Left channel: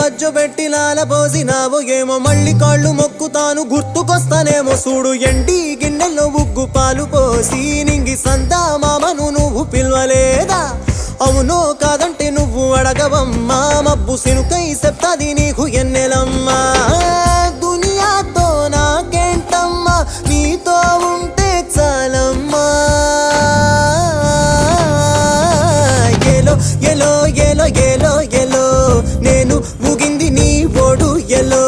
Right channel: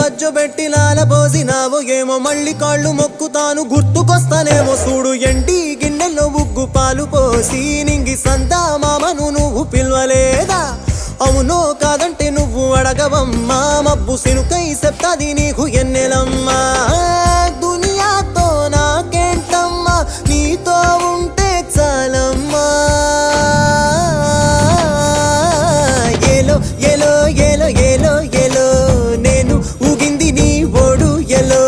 బజ్జో పెట్టి లాలపోసినావో ఏమో మళ్ళీ కాళ్ళు మొక్కుతాను గుర్తుకొస్తానేమో చూడు ఎండి గిన్నెల్లో ఉగ్గు పాలు పోసి నింగి సందా మామను నువ్వు పిలవలేదా అవునో కాదంటే నువ్వు అడగవమ్మా మబ్బు సినుకై చెప్తాది నీకు ఎన్నెలమ్మా దునియాతో నాకేంటమ్మా నీతో ఉంటే చాలమ్మా ఏలో ఏలో ఏలో ఏలో ఏలో నేను ఊగింది నీ ఓడు ఎలో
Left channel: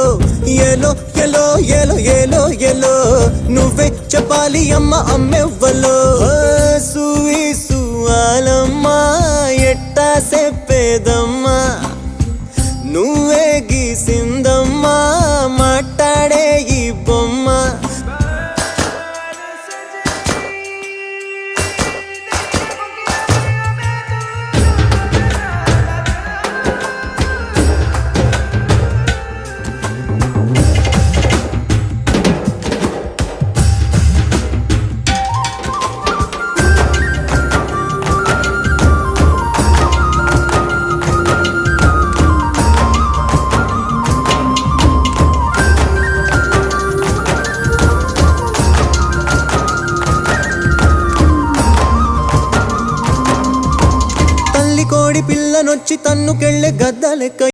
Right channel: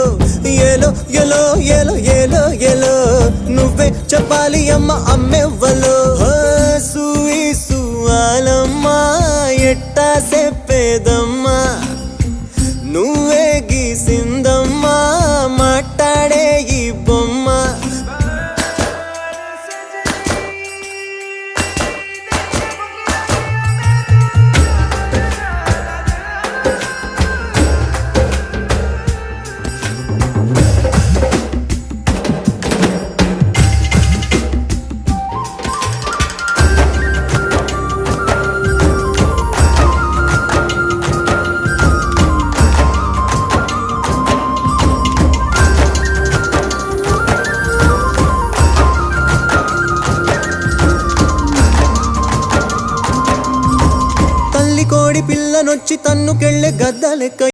ఏలో ఏలో ఏలో ఏలో ఏలో నువ్వే చెప్పాలి అమ్మ అమ్మెవ్వలో సూయిసు ఆలమ్మా ఎట్టా చెప్పేదమ్మా నువ్వే గీసిందమ్మా మాట్లాడే ఈ బొమ్మ తల్లి కోడి పిల్లనొచ్చి తన్నుకెళ్ళే గద్ద లెక్క